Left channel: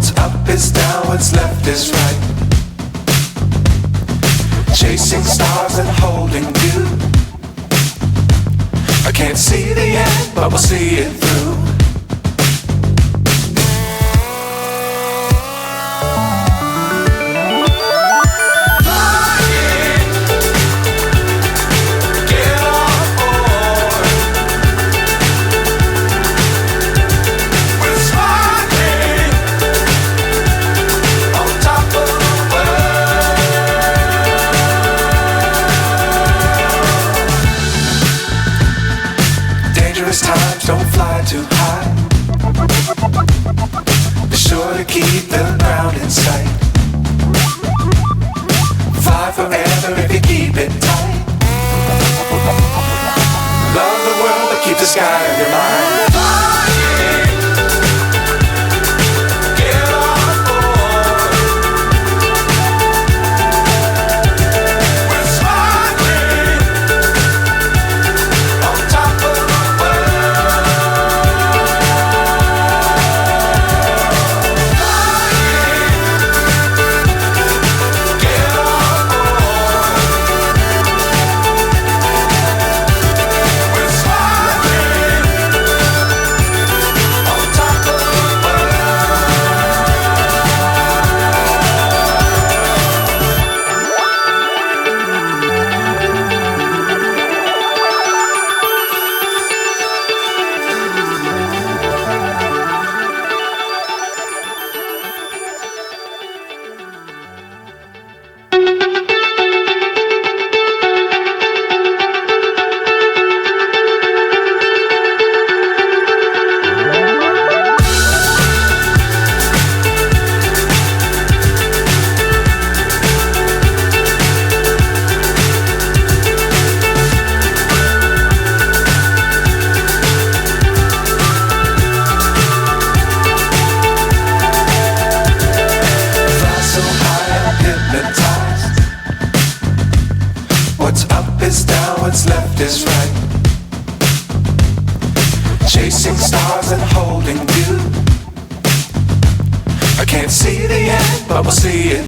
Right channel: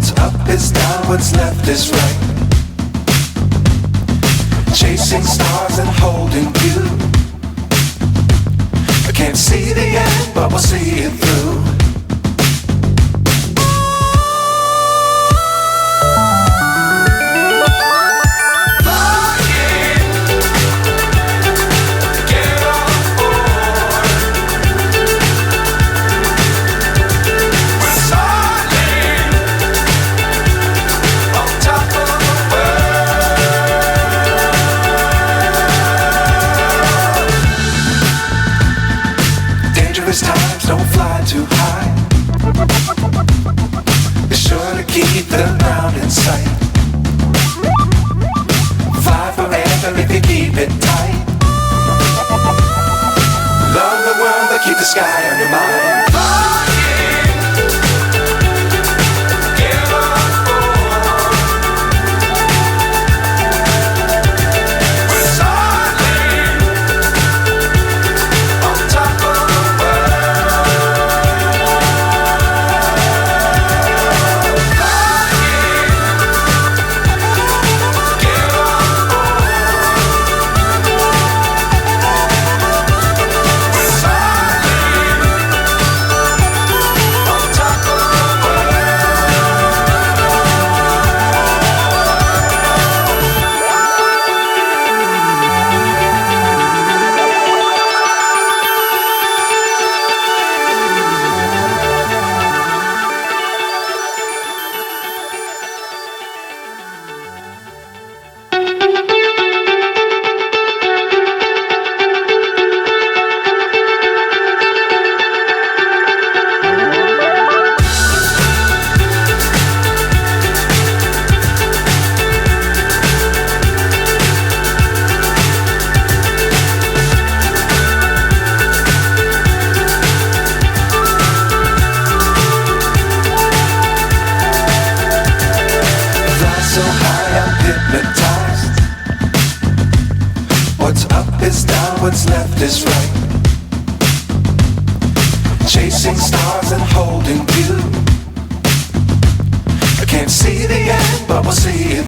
What's up is down, what's left is right. Chasing stars and holding you. I can't see the end, but we'll see it through. Times don't fly too high. Be sure to keep the ground in sight. Fly forever if you keep it tight. Love the world but keep the sky on your mind. So high I'm hypnotized. What's up is down, what's left is right. Chasing stars and holding you. I can't see the end, but we'll see it